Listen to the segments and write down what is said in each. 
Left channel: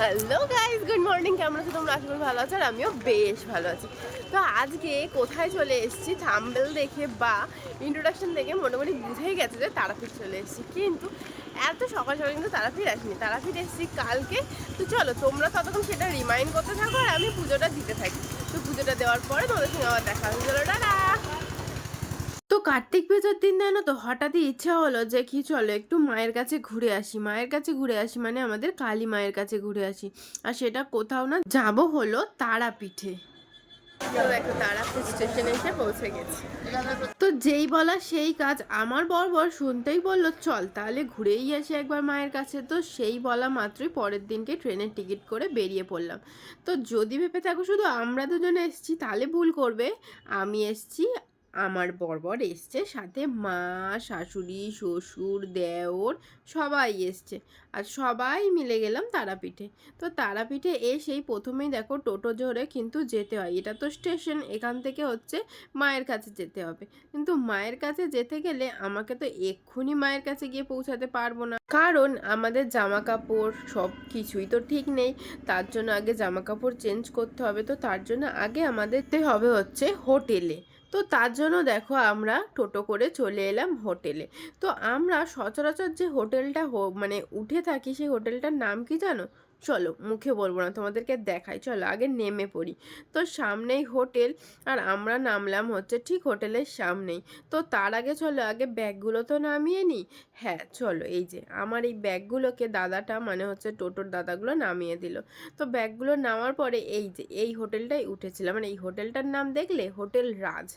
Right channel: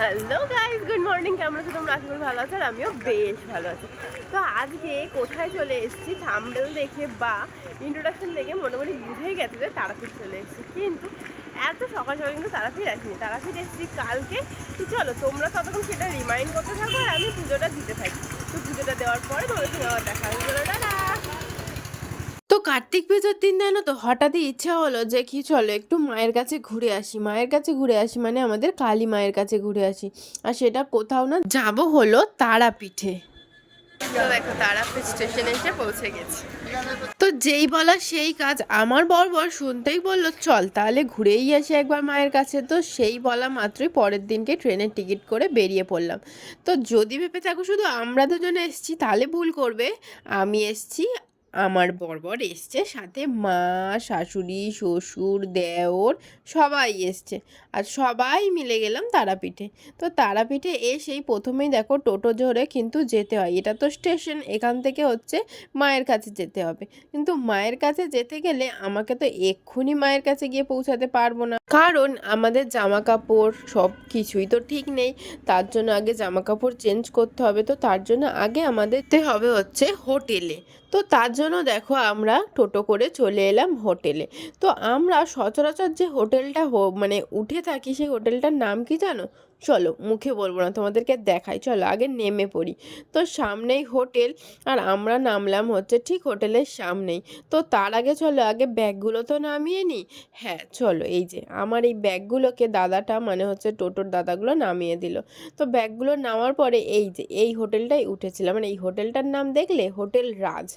Hello guys good morning কেমন আছো তোমরা? আশা করি ভালো আছো, আর আমিও বেশ ভালো আছি। তো আজকে কোথায় চলে এসেছি? থাম্বেল দেখে বা ইন্ট্রোডাকশন দেখে মোটামুটি বুঝেই গেছে যে তারাপীঠ চলে এসেছি। কিন্তু এত সকাল সকাল কিন্তু তারাপীঠ আসিনি। তারাপীঠ এসেছি কালকে। তো চলো, তোমরা ততক্ষণ সেটা রিমাইন্ড করতে থাকো আর আমি পুজোটা দিতে থাকি। তো পুজোটা দেওয়ার পরে তোমাদের সঙ্গে আবার দেখা হয়ে গেলো। টাটা! তো কার্তিক পুজোর দিন জানো তো হঠাৎই ইচ্ছা হলো যে কি চলো একটু মায়ের কাছে ঘুরে আসি। মায়ের কাছে ঘুরে আসি মানে আমাদের কালী মায়ের কাছে ঘুরে আসি। আর সেটা কোথাও না যাব হলো তারাপীঠে। তো দেখো তারাপীঠ স্টেশনে এসে পৌঁছে গেছি। তো যেই বলা সেই কাজ আমার বর বর শুনতেই বলল চল তাহলে ঘুরেই আসি একবার মায়ের কাছে। তো সেই বলা মাত্রই পরের দিনকে ট্রেনের টিকিট করে বেরিয়ে পড়লাম। তো যদি ভেবে থাকো শুধু আমরা দুজনে এসছি তাহলে ভুল করবে। আমি এসছি আমার বরবর এসছে, সাথে মা, শাশুড়ি, শ্বশুর, দেওর সবাই এসছে। আর সবাই মিলে গেলাম তারাপীঠে। তো তারাপীঠে এসেই প্রথমেই দেখো টোটো ধরে কিন্তু যেতে হয়। এটা তো স্টেশন, এখান থেকে হচ্ছে মায়ের কাছে যেতে হবে। কিন্তু মায়ের কাছে যেতে গেলে আমাকে তো এক্ষুনি মায়ের কাছে গিয়ে পৌঁছাতে পারব না। কারণ আমাদের জামা কাপড় সব কিছুই তো ঠিক নেই। তার জন্য আগে জামা কাপড় চেঞ্জ করতে হবে। তো তার জন্য আগে আমাদের হবে হচ্ছে হোটেলে। তো তার জন্য দেখো আমরা টোটো করে চলে এলাম হোটেলে। তো আমরা সচরাচর যে হোটেলটা মানে উঠে থাকি সেই হোটেলটার নাম কি জানো? চলো মুখে বলব না, তোমাদেরকে দেখাই, চলো আগে নেমে পড়ি। তো সামনেই হোটেল, আর আমরা নামলাম হচ্ছে ঠিক হোটেলের সামনেই। তো তার আগে চলো, আগে ব্যাগগুলো তো নামিয়ে নিই? হ্যাঁ চলো, এই যে আমার এই ব্যাগগুলোকে দাদাটা মানে হচ্ছে টোটোর দাদাগুলো নামিয়ে দিল। তো ব্যাগগুলো নামার পরে এই যে, এই হোটেলটাই উঠেছিলাম। মানে এই হোটেলটার নাম দেখলে হোটেল রাজ।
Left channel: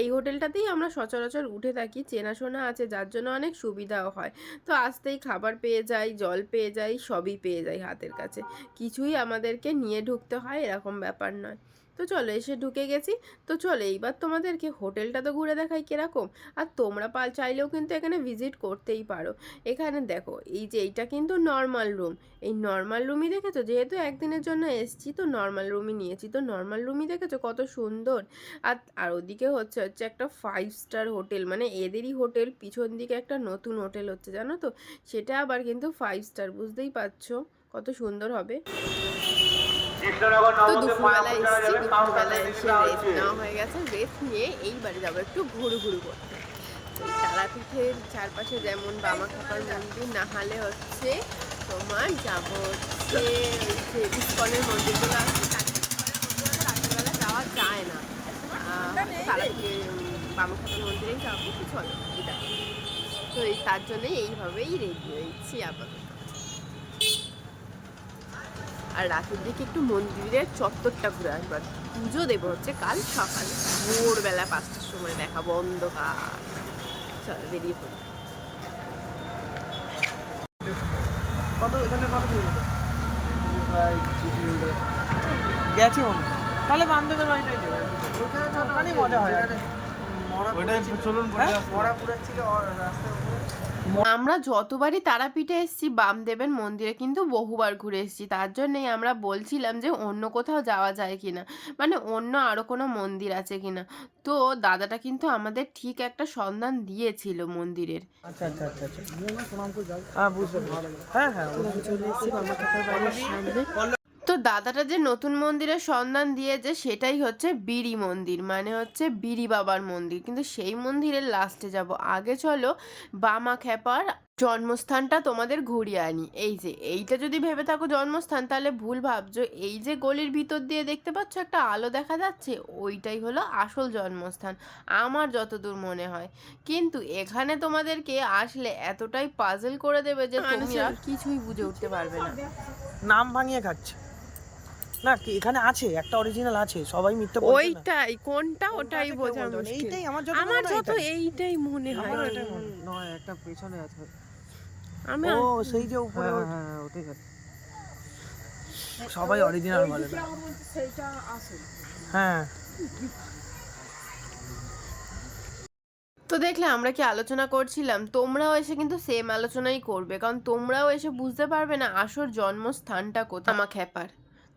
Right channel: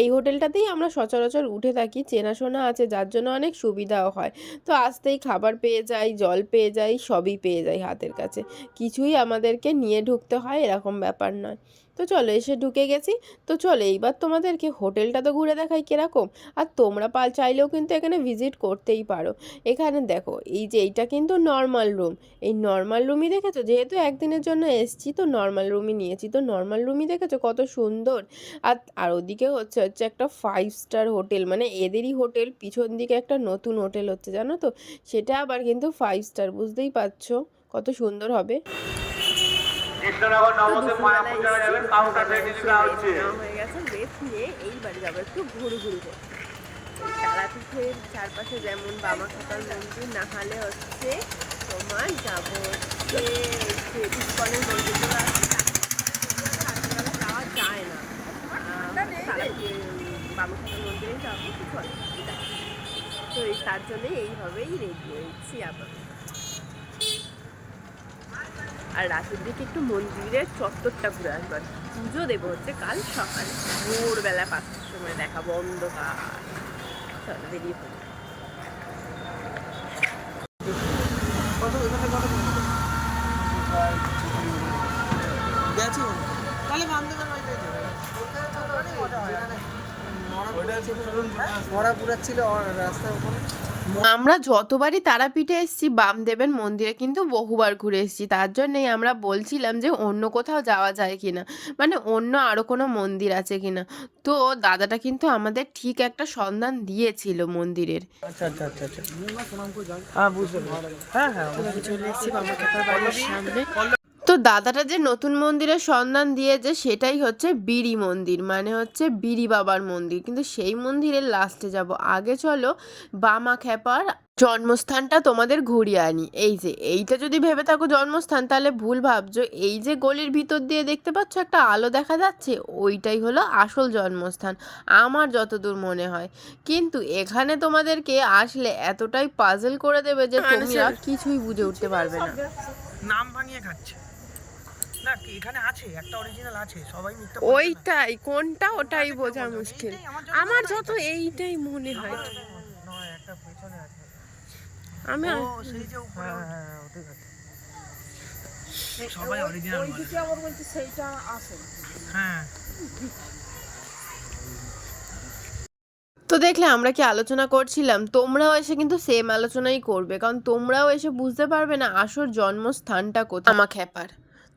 এই হোটেলটাতেই আমরা সচরাচর উঠে থাকি, চেনাশোনা আছে, যার জন্য অনেক সুবিধাও হয়। তো আসতেই খাবার পেয়ে যাই, জল পেয়ে যাই, সবই পেয়ে যাই হাতের কাছে। কিছুই আমাদেরকে নিয়ে ঢুকতে হয় এরকম ব্যাপার নয়। তো চলো এসে ঢুকে গেছি। তো চলো এইবার তোমাদেরকে হোটেলটা তো ঘুরে দেখাই কীরকম। আর তোমরা পাল চাইলেও কিন্তু এখানে ভিজিট করতেই পারো। এখানে দেখো, এই যে এইটা কিন্তু নর্মাল রুম এই নর্মাল রুমই দেখেছ? যেহেতু একদিনের জন্য এসছি, তো নর্মাল রুমই নিয়েছি। তো নর্মাল রুমই দেখেছ? কত সুন্দর। আর আর ওদিকে হচ্ছে হচ্ছে একটা ফাইভ স্টার হোটেল মানে এদেরই হোটেল পিছন দিকে একটা নতুন হোটেল হচ্ছে, জানো তো? সেটা আবার কিন্তু ফাইভ স্টার বুঝতেই পারছ? কত সুন্দর হবে। তো দুপুরবেলা এসেছি দুপুরবেলা এসে রেস্ট নেওয়া হয়ে গেছে। রেস্ট নিয়ে এইবারে যাব একটু ঘুরু ঘুরু করতে। তারাপীঠের চারপাশে যেমন বামাখাপার মন্দির না হলে হচ্ছে তোমার যাব হচ্ছে ইস্কনের মন্দিরগুলো আছে। তার- রাত্রিবেলা যাওয়া যায় না। তারাপীঠ বামাখাপার মন্দিরেই যাব তো চলো এটা তো এই তার জন্যই এইভাবেই রেডি হয়েছি আবার আর রাতের দিকে একটু মন্দিরের চত্বরটা ঘুরে আসবার পুজো দেবো হচ্ছে কাল সকালে। ভোরবেলা পাঁচটার সময় দেখাবো অন্ধকার। চলো বেরিয়ে পড়ি। কত এখানে কত কিলোমিটার গেছে মনে তাহলে বামদেবের বাড়িটাই যাবে ওইখানে ছোট মনে হয়। মরা রাস্তার উপরে। আমরা যতবারই তারাপীঠে এসেছি বামদেবের মন্দিরে কিন্তু বহুবার ঘুরে এসেছি। তার জন্যই আমরা বলছিলাম যে অন্য কোথাও যাওয়া যায় কিনা? মানে অন্য আরও কোনো মন্দির আছে কিনা? তো দাদাটা কিন্তু আমাদের ঠিক একটা সন্ধান দিয়েছিল মন্দিরের। আচ্ছা আচ্ছা আচ্ছা হ্যাঁ হ্যাঁ হ্যাঁ চলে এসেছি বামা খেপার বাড়ির সামনে। তো দাদাটা যে নতুন মন্দিরের সন্ধান দিয়েছে সেটাই হচ্ছে বিড়ি মন্দির মানে হচ্ছে বিড়ি বাবার মন্দির। কিন্তু সেই মন্দিরের লাস্টে যাব। আগে চলো বামা খেপার জন্মস্থানটা তোমাদের ঘুরিয়ে আনি। এই যে এইটা যদি ভেবে থাকো জন্মস্থান তাহলে ভুল ভাবছ। এই যে গলির ভিতর দিয়ে দেখতে পাচ্ছ একটা আলো দেখা যাচ্ছে ওইটাই হলো আসল জন্মস্থান আমার যতদূর মনে হয়। কিন্তু এখানে তোমাদেরকে আসলে এতটাই পাজল করে দেবে যে তুমি আর কিছুই বুঝে উঠতে পারবে না। নাম ভাঙিয়ে খাচ্ছে। না কি এখানে আছে? একটা অরিজিনাল আছে সবাই মিথ্যা ওইটাই কোনটা ওটাই বোঝা মুশকিল। আমার যত আমার হয় এইটাই মনে হয়। হয়। একটা পেছনে আছে। আমি ও সেই যে উপরে ওই- হ্যাঁ ওটাই সবাই অরিজিনাল বলে। বলছে সেইটা আসল হ্যাঁ। তো দেখলে আমরা কি আলোচনা করছিলাম? তোমরাও এসে কিন্তু সেম আলোচনাই করবে কারণ তোমরাও এসে বুঝতে পারবে না আসল জন্মস্থানটা কোথায়। আমা খেপার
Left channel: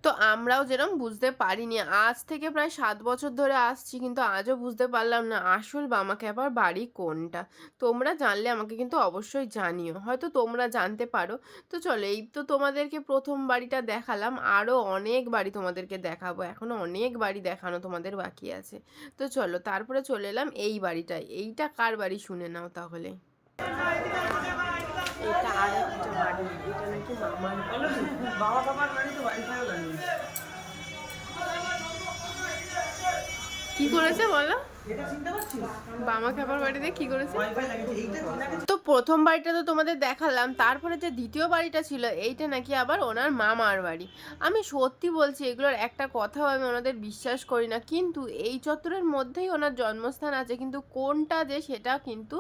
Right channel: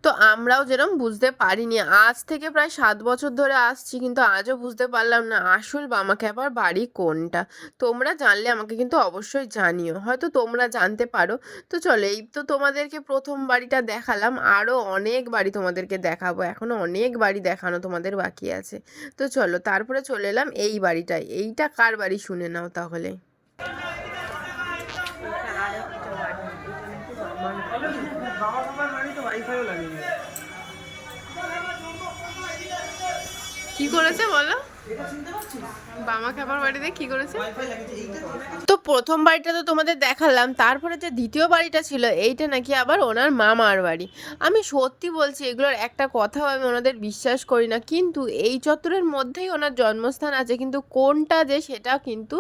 তো আমরাও যেরকম বুঝতে পারিনি। আজ থেকে প্রায় সাত বছর ধরে আসছি, কিন্তু আজও বুঝতে পারলাম না আসল বামা খ্যাপার বাড়ি কোনটা। তোমরা জানলে আমাকে কিন্তু অবশ্যই জানিও। হয়তো তোমরা জানতে পারো। তো চলো, এই তো তোমাদেরকে প্রথম বাড়িটা দেখালাম। আরও অনেক বাড়ি তোমাদেরকে দেখাবো। এখনও অনেক বাড়ি দেখানো তোমাদের বাকি আছে। তো চলো, তারপরে চলে এলাম এই বাড়িটায়। এইটা কার বাড়ি শুনে নাও তাহলে? এটা আর একটা বাড়ি। এটা নাকি মামার বাড়ি? কি করেছে বলো? বামা খাবার বাড়িতে কি করেছে? ওয়াইফাই লাগিয়েছে এইটা তো তো প্রথম বাড়িটা তো তোমাদের দেখালাম তারপরে যে দ্বিতীয় বাড়িটা ছিল এইটা নাকি আবার ওনার মামার বাড়ি। আমি সত্যি বলছি এগুলোর একটা কথাও আমি ওনাদের বিশ্বাস করি না কিন্তু এই চত্বরের মধ্যেই ওনার জন্মস্থান আছে কিন্তু কোনটা যে সেটা কিন্তু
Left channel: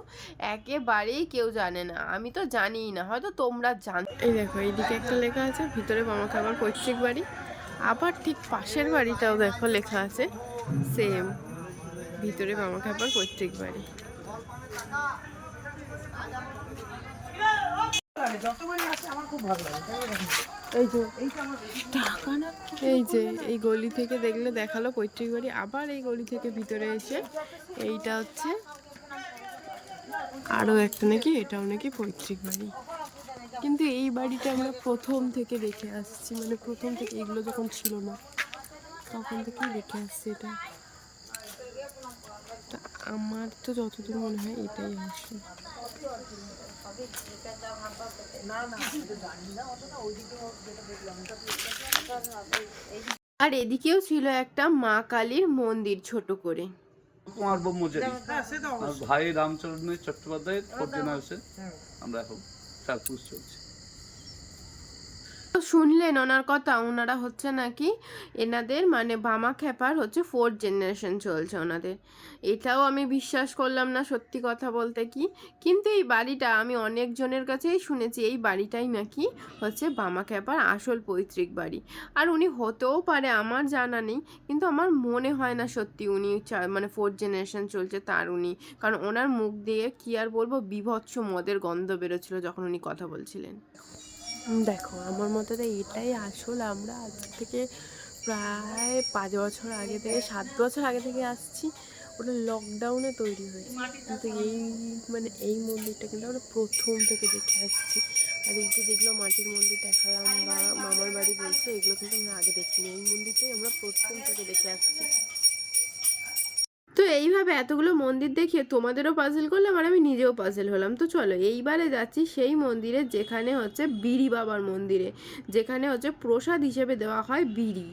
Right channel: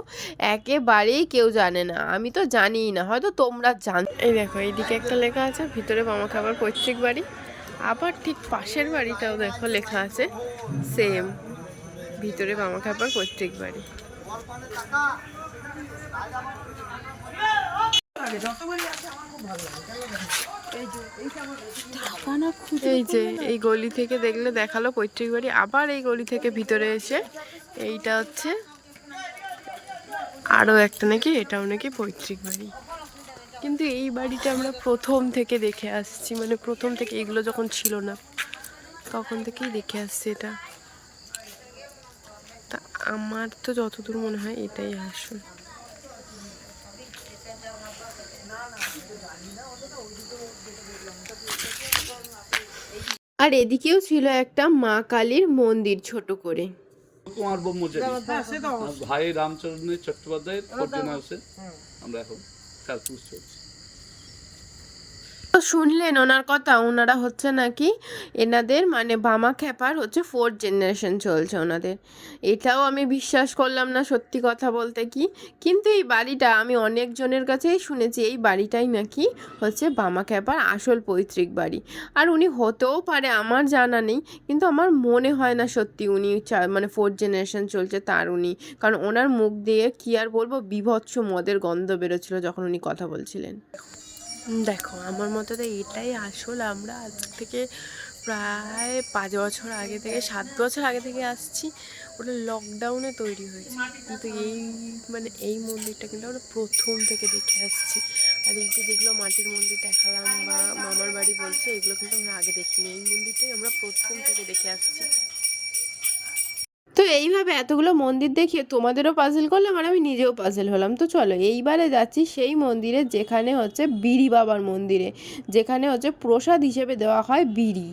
একেবারেই কেউ জানে না আমি তো জানিই না হয়তো তোমরা জান এই দেখো এইদিকে একটা লেখা আছে ভিতরে মামা খাবার পৈতৃক বাড়ি আবার ঠিক পাশের বাড়িটাও দেখো লেখা আছে সেম ভিতরে মামা খাবার যে এই যে, এই গলি থেকে দেখলে দেখাল পৈতৃক বাড়ি। আবার এই গলি থেকে ভিতরে এসে এইটা হচ্ছে আরও একটা নাকি, এটাও নাকি পৈতৃক বাড়ি। কিন্তু এই বাড়িটা আমরা প্রথম থেকে দেখে আসছি। মানে প্রথম থেকে এগুলো যখন ছিল না, তখন থেকেই দেখে আসছি এটা। তা আমার তো যতদূর মনে হয় এটাই আসল। আর এদিকেও ছিল একটা মা কালীর মন্দির ছোট করে। কুমার ব্রহ্মচারী। হ্যাঁ অবশ্যই। ভাই রামচন্দ্র চট্টোপাধ্যায় আমরা এখন চার চলছি। শুনলেন ওনার কথা, ওনারা হচ্ছে নাকি এনাদের মানে বামা খ্যাপার হচ্ছে ফোর্থ জেনারেশন চলছে ওনাদের। এটাও আমি বিশ্বাস করলাম না সত্যি কথা বলতে কি। কিন্তু এই বাড়িটা আমি অনেকজনের কাছেই শুনেছি, এই বাড়িটাই নাকি হচ্ছে বামা খ্যাপার আসল পৈতৃক বাড়ি। আর উনি হতেও পারে, আমার জানা নেই, কিন্তু আমার মনে হয় না সত্যি উনি মানে ফোর্থ জেনারেশন চলছে তার উনি। কারণ ওনার মুখ দিয়ে কি আর বলব, বিভৎস মদের গন্ধ বেরোচ্ছিল যখন উনি কথা বলছিলেন। দেখো, আমার মতে তো এটাই আসল। আমরা আজ থেকে প্রায় পাঁচ বছর আগে থেকে, সাত বছর আগে থেকে আসছি, ওটা লকডাউনে তৈরি হয়েছে। কিন্তু এই মানে এই মন্দিরটা কিন্তু আমরা প্রথম থেকে দেখে আসছি। আর এই যে যেগুলো মাটির মন্দির দেখালাম বা মামার বাড়ি বলছে, এগুলো কিন্তু আমরা আগে দেখিনি। এই মন্দিরটাই আমরা প্রথম থেকে দেখে আসছি। তো এইভাবে এতগুলো মন্দির দেখিয়ে তোমাদেরও পাজেল করলাম আর আমি নিজেও পাজেল হলাম। তো চলো, এইবারে যাচ্ছি সেই মন্দিরে যেখানে হচ্ছে বিড়ি বাবার মন্দিরে। যেখানে হচ্ছে প্রসাদ হিসেবে দেওয়া হয় বিড়ি।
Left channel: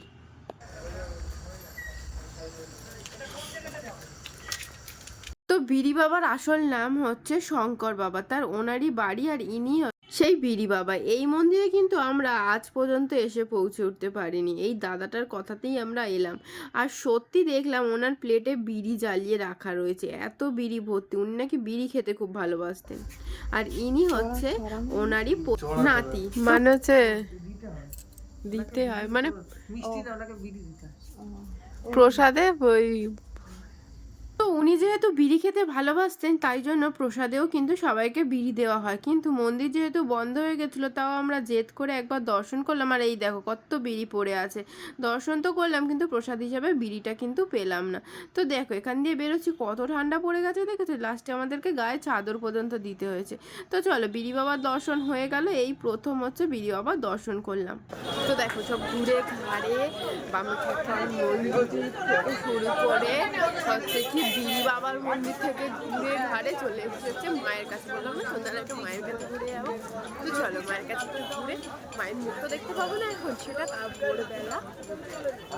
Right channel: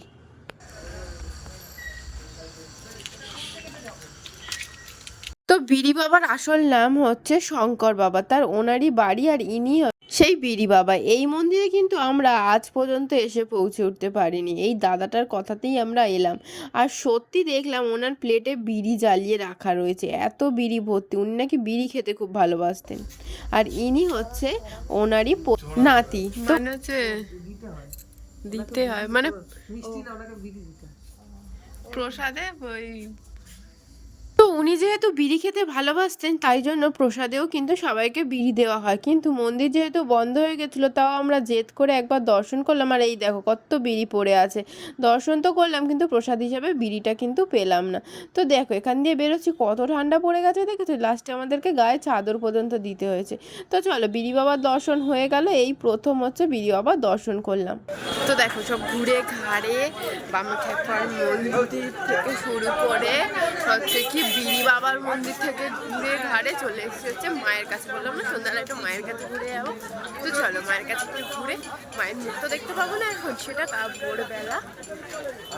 তো বিড়ি বাবার আসল নাম হচ্ছে শঙ্কর বাবা। তার ওনারই বাড়ি আর ইনি সেই বিড়ি বাবা এই মন্দিরে কিন্তু আমরা আজ পর্যন্ত এসে পৌঁছে উঠতে পারিনি। এই দাদাটার কথাতেই আমরা এলাম। আর সত্যি দেখলাম ওনার প্লেটে বিড়ি জ্বালিয়ে রাখা রয়েছে। এত বিড়ি ভর্তি উনি নাকি বিড়ি খেতে খুব ভালোবাসতেন। আর ইনি হচ্ছে ওনারই নাতি। মানে হচ্ছে দিতে হয়। মানে মিষ্টি না ওনাকে বিড়ি দিতে প্রসাদে ওই তো উনি যেহেতু বিড়ি খেতে ভালোবাসতেন, তাই জন্য প্রসাদেও কিন্তু সবাইকে বিড়ি দেওয়া হয়। কিন্তু মন্দির যেহেতু বন্ধ হয়ে গেছিল, তাও আমরা জেদ করে একবার দর্শন করলাম। আর এই দেখো কত বিড়ি পড়ে আছে। দর্শন তো করলাম, কিন্তু প্রসাদ হিসাবে বিড়িটা কিন্তু পেলাম না। তো দেখো, এখান দিয়ে বেরোচ্ছি। কত ঠান্ডা পড়ে গেছে, দেখেছ? লাস্টে আমাদেরকে গায়ে চাদর পর্যন্ত দিতে হয়েছে। তো চলো, বিড়ি বাবার দর্শন হয়ে গেল। এই প্রথম হচ্ছে বিড়ি বাবার দর্শন করলাম। তো দেখো, সব ঘুরে ঘাড়ে বামা মন্দির থেকে শুরু করে হচ্ছে কি বিড়ি বাবার মন্দির থেকে ঘুরে ঘাড়ে চলে এসেছে মায়ের কাছে। বললাম না, সন্ধ্যাবেলা একটু মায়ের কাছে ঘুরে যাব। তো চলো, মায়ের কাছে একটু ঘুরে মায়ের মুখ তো দেখতে পাবো না এখন, সেটা ভোরবেলা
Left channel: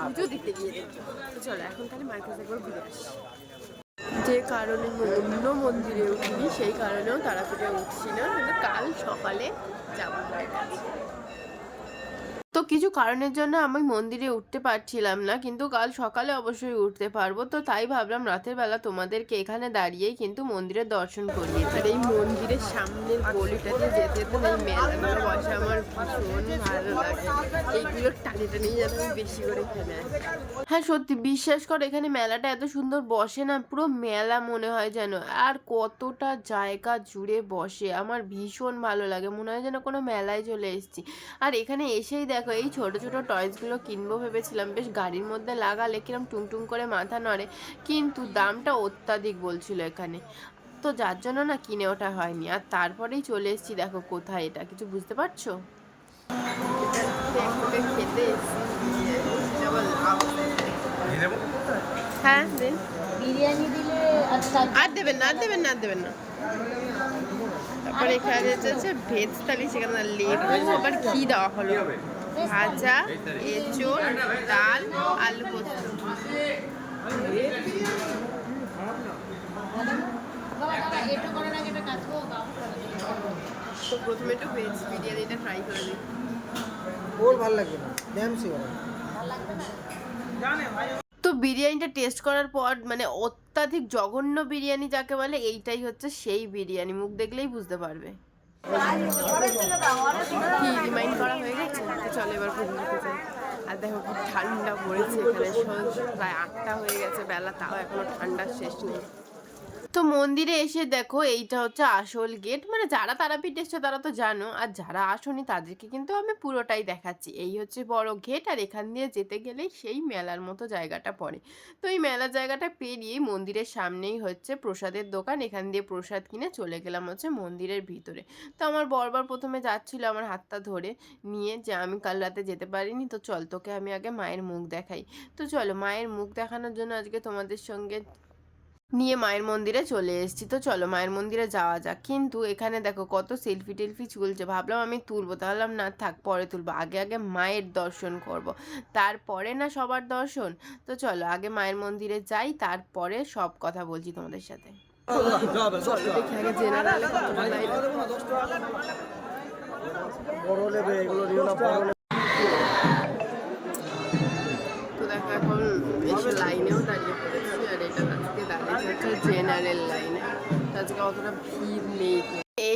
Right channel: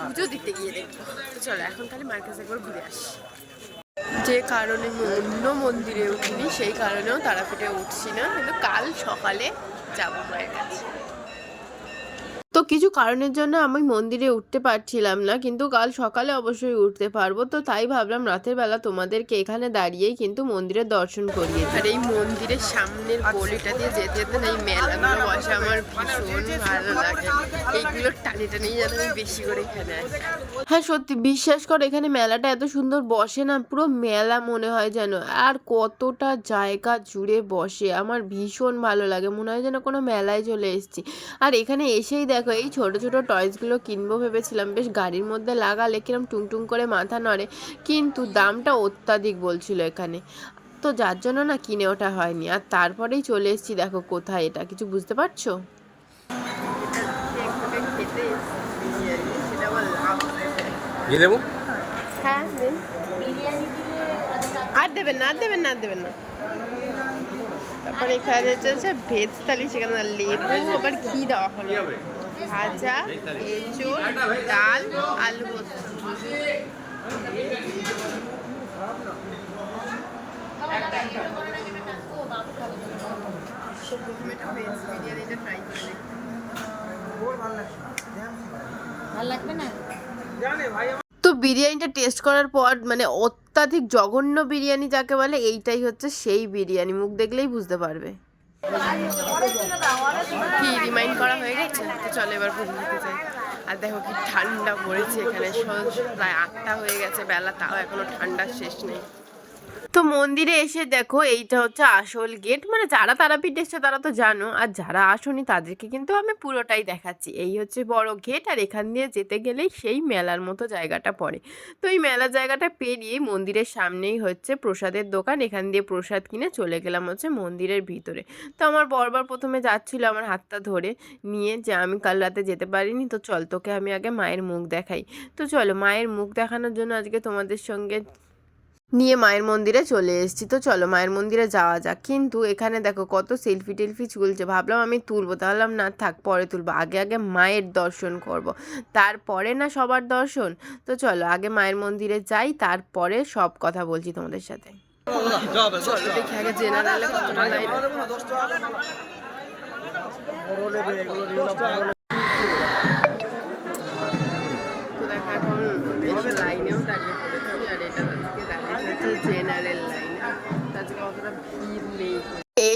পুজো দিতে গিয়ে দেখব। তো চলো, এখন তাহলে মায়ের কাছে একবার ঘুরে আসি। যে কারণে অন্য মন্দিরে উঠিনি, সেই কারণেও তারাপীঠে উঠছি না, কিন্তু কাল সকালে যাব মায়ের কাছে। তো কিছু কারণের জন্য আমি মন্দিরে উঠতে পারছিলাম না কিন্তু কাল সকালে অবশ্যই উঠতে পারব। তো তাই ভাবলাম রাতের বেলা তোমাদেরকে এখানে দাঁড়িয়েই কিন্তু মন্দিরের দর্শন করিয়ে আর এই মন্দিরের সামনের গলিটা দিয়ে যেতে যেতে না এই মেলাগুলো বসে আমার ভীষণ ভালো লাগে। এইগুলো টানে টানেই যেন আমি বেশি করে এখানে আসি। হ্যাঁ সত্যি বিশ্বাস কর এখানে মেলাটা এত সুন্দর বসে না পুরো মেলা মনে হয় যেন। আর কতটা জায়গা জুড়ে বসে আমার ভীষণ ভালো লাগে মনে হয় যেন কোনো মেলায় চলে এসেছি। আর এখানে এসেই দেখো দেখো এই ছোট ছোট টয়েসগুলো কিনবো ভেবেছিলাম। বেশ গাড়ির মধ্যে লাগালে কিরম টুংটুং করে মাথা নড়ে। কিন্তু দামটা অত্যাধিক বলছিল এখানে। তো যার জন্য না কিনে ওঠা হয়নি। আর তারপরেই চলে এসেছি দেখো কোথায় এটা। কিছু বুঝতে পারছ? হ্যাঁ আর দেবেন না আর দেবেন না আর দেবেন না। তারপর এখানে চলছে ভেজ থালি সেখানে না লেবু আবার ঘি দেওয়া হলো। ভাজা এঁচোড় ডাল আলু পোস্ত। তো প্রথমে একটু ভেজ বিরিয়ানিটা ট্রাই করে দিই। ওর ভালো লাগবে না ড্যামসি ভালো। লাগবে না? জানে ভাই তো বিরিয়ানিটা টেস্ট করার পর মানে অত্যাধিক জঘন্য বিরিয়ানি যাকে বলে এইটাই হচ্ছে সেই বিরিয়ানি। মুখ দেখলেই বুঝতে পারবে। কি রিমাইন্ড করা হয়ে গেছে? তো চলো এবার পুজো দিতে চাই। আর দেখো কি ঠান্ডা পড়েছে এখানে। প্রায় আটটা হয়ে গেছে, বেলা, তাও এখনও ঠান্ডা শেষ নেই। তো মন্দিরে এসে দেখো, এইটা হচ্ছে আসল গেট মানে যারা তারাপীঠ এসছে, তারা তো জানো। আর যারা আসনি, তাদেরকে কিন্তু আমি পুরোটাই দেখাচ্ছি। এই হচ্ছে বড় গেট আর এখান দিয়ে যেতে গেলেই সেই মেলার মতো জায়গাটা পড়ে। তো এই মেলার জায়গাটা পেরিয়ে মন্দিরের সামনেই হচ্ছে প্রসাদের দোকান। এখান দিয়ে প্রসাদ কিনে চলে গেলাম হচ্ছে মন্দিরের ভিতরে। তো আমার বরবার প্রথমে যাচ্ছিল আমার হাতটা ধরে নিয়ে যে আমি কাল রাতে যেতে পারিনি, তো চল তোকে আমি আগে মায়ের মুখ দেখাই। তো চলো, মায়ের মুখ দেখানোর জন্য আজকে তোমাদের সঙ্গে নিয়ে মায়ের মন্দিরে চলে এসেছি। তো চলো মায়ের মন্দিরে যাওয়া যাক। কিন্তু এখানে দেখো কত সেলফি টেলফি চলছে ভাবলাম আমি তুলবো। তাহলে না, থাক, পরে তুলবো। আগে আগে মায়ের দর্শন করব। তারপরে না সবার দর্শন? তো চলো, আগে মায়ের মন্দিরে যাই, তারপরে সব কথা বলছি তোমাদের সাথে। দেখি আগে দাঁড়িয়েছে হচ্ছে জেনারেল লাইনে তো আজকে অতটা ভিড় নেই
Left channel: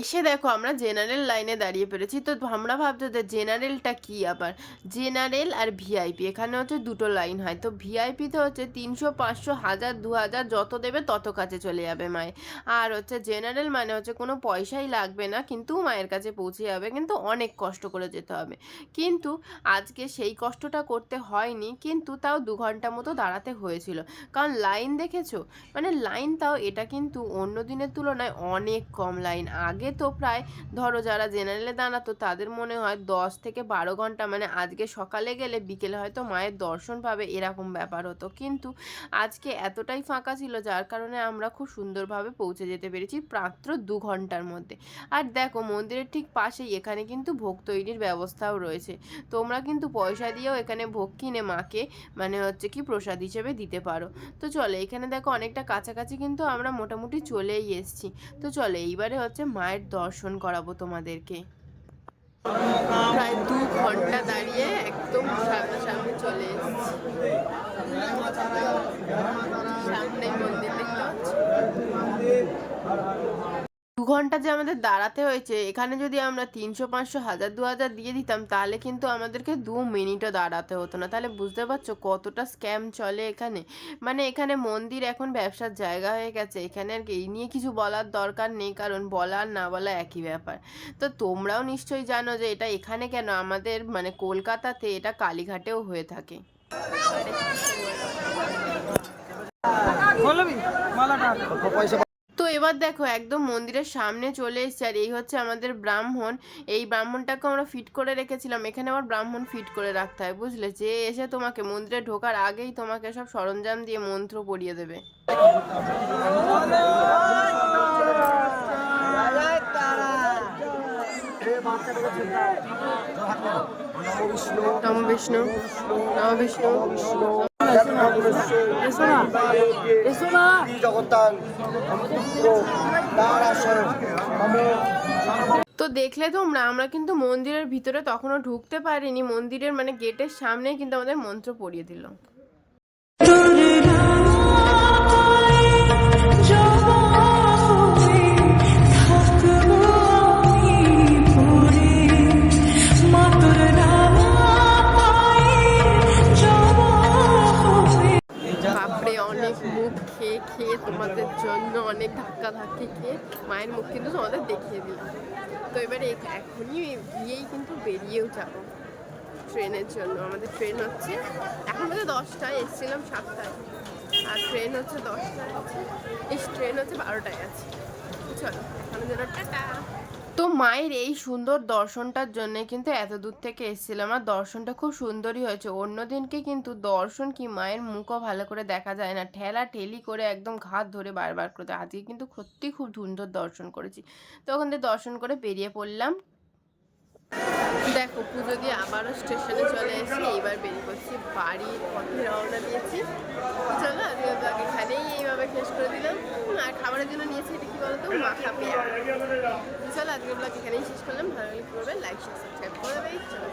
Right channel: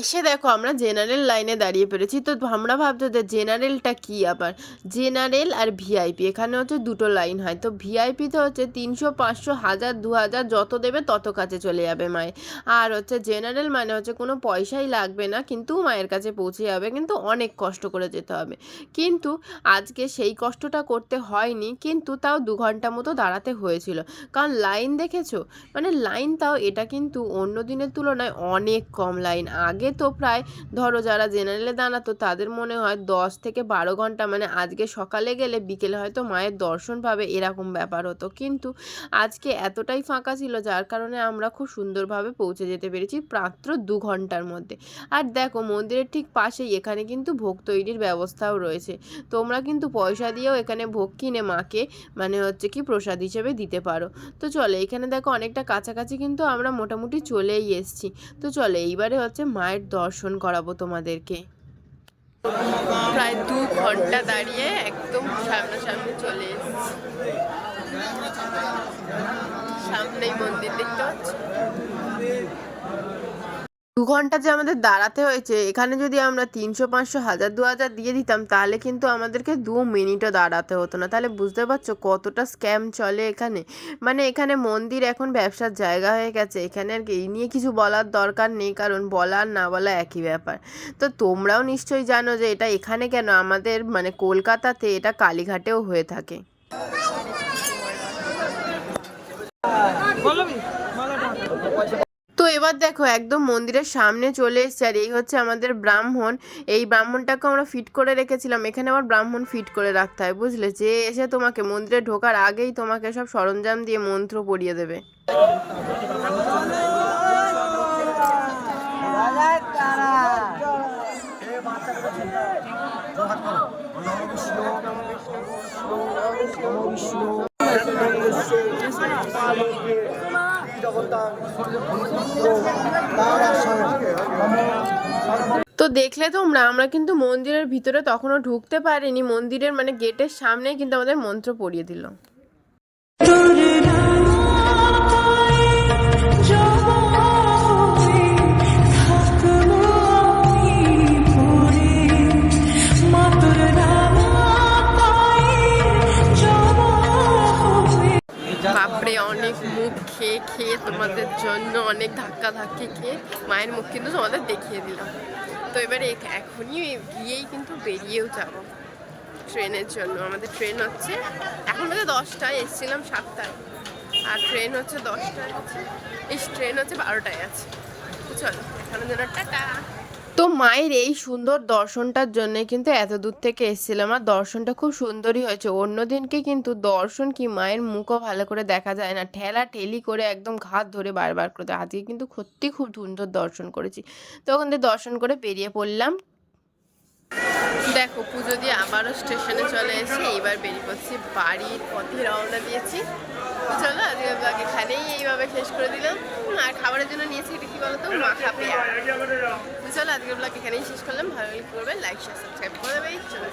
এসে দেখো আমরা জেনারেল লাইনে দাঁড়িয়ে পেরেছি তো আমরা ভাবছ যে জেনারেলটা কি আবার? জেনারেল আর ভিআইপি এখানে হচ্ছে দুটো লাইন হয়। তো ভিআইপিতে হচ্ছে তিনশো, পাঁচশো, হাজার, দু হাজার যত দেবে তত কাছে চলে যাবে মায়ের। আর হচ্ছে জেনারেল মানে হচ্ছে কোনো পয়সাই লাগবে না, কিন্তু মায়ের কাছে পৌঁছে যাবে, কিন্তু অনেক কষ্ট করে যেতে হবে। কিন্তু আজকে সেই কষ্টটা করতে হয়নি, কিন্তু তাও দু ঘণ্টা মতো দাঁড়াতে হয়েছিল। কারণ লাইন দেখেছ? মানে লাইন তাও এটা কিন্তু অন্য দিনের তুলনায় অনেক কম লাইন আগে তো প্রায়, ধরো যারা জেনারেলে দাঁড়াতো তাদের মনে হয় দশ থেকে বারো ঘণ্টা মানে আজকে সকালে গেলে বিকেলে হয়তো মায়ের দর্শন পাবে, এরকম ব্যাপার হতো। কিন্তু আজকে এতটাই ফাঁকা ছিল, যার কারণে আমরা খুব সুন্দরভাবে পৌঁছে যেতে পেরেছি মাত্র দু ঘণ্টার মধ্যে। আর দেখো, মন্দিরের ঠিক পাশেই এখানে কিন্তু ভোগ তৈরির ব্যবস্থাও রয়েছে। তোমরা কিন্তু পয়সা দিয়েও এখানে ভোগ কিনে মাকে মানে হচ্ছে কি প্রসাদ হিসেবে দিতে পারো। তো চলে, এখানে দেখো অনেকটা কাছাকাছি কিন্তু আমরা মোটামুটি চলেই এসেছি। তো চলে, এইবারে হচ্ছে মায়ের দর্শন করাবো তোমাদেরকে। প্রায় দু ঘণ্টা দাঁড়িয়ে একদম সামনা সামনাসামনি চলে এসেছি। সামনেই মন্দির দেখতে পাচ্ছ? দু ঘণ্টা যে আমাদের দাঁড়াতে হয়েছে এখানে যদি আমরা তিনশো পাঁচশো হাজার দু হাজার দিয়ে দিতাম তাহলে কিন্তু আমাদেরকে দু মিনিটও দাঁড়াতে হতো না। তাহলে বুঝতে পারছ কতটা স্ক্যাম চলে এখানে? মানে এখানে মন্দির এখন ব্যবসার জায়গা হয়ে গেছে এখানে আর কি এই নিয়ে কিছু বলার দরকার নেই কারণ বলা আর না বলা একই ব্যাপার। তো তোমরাও নিশ্চয়ই জানো যে এটা এখানে কেন? আমাদের মানে কলকাতাতে এটা কালীঘাটেও হয়ে থাকে। মালাটা পয়সা তো এবার দেখো একদম মন্দিরের সামনে চলে এসছে আর এই হচ্ছে আমাদের ব্রাহ্মণ। এই ব্রাহ্মণটাকে আমরা ফিট করে রেখেছিলাম। এখানে আবার ব্রাহ্মণ ফিট করে রাখতে হয় বুঝলে? যে এসে তোমাকে মন্দিরে ঢোকার আগেই তোমাকে সব সরঞ্জাম দিয়ে মন্ত্র পড়িয়ে দেবে। নম বিষ্ণু। নম বিষ্ণু। তো দেখলে তোমরা, আমরা কিন্তু মন্দিরের ভিতরে তখনও ঢুকতে পারিনি। মন্দিরের মানে গেটের সামনে কিন্তু আমাদের মন্ত্র পড়িয়ে দিল। অনেক মুখ খেয়ে খেয়ে তোমাদের জন্য অনেক ধাক্কা ধাক্কি খেয়ে মায়ের মুখ কিন্তু তোমাদের দেখিয়ে দিলাম। তো এবারে এখনই গিয়েই কিন্তু বেরিয়েও যাব ট্রেনের জন্য। আমাদের ট্রেন হচ্ছে, এখন বাজে দশটায়, এসেছিলাম সাতটায়। আর ট্রেন হচ্ছে দশটায় আছে এই ট্রেন হচ্ছে বারোটায় আছে। চলো এখানে জন্য টাটা। তো মায়ের এই সুন্দর দর্শনটার জন্য কিন্তু এত দূর থেকে এসেছিলাম আর দর্শনটা খুব সুন্দরই হয়েছে। অন্য দিনকে কিন্তু দর্শন কি মায়ের মুখও ভালো করে দেখা যায় না। ঠেলা ঠেলি করে একদম ঘাত ধরে বারবার করে আজকে কিন্তু সত্যি খুব সুন্দর দর্শন করেছি। তো ওখান থেকে দর্শন করে বেরিয়ে পড়লাম। দেখো, পুজো দিয়ে আবারও স্টেশনে চলে এসে এইবার বেরিয়ে পড়ছি বাড়ির পথে রওনা দিয়েছি। চলো, আজকে ব্লগ এখানেই এইভাবে শেষ করে দিলাম। আর খাবারের জন্য নিয়েছি এটা কি বলতো? মাখা পেয়ে চলো, আজকে ব্লগ এখানেই শেষ করলাম। ভালো লাগলে করবে? লাইক শেয়ার সাবস্ক্রাইব করে দেবে। চলো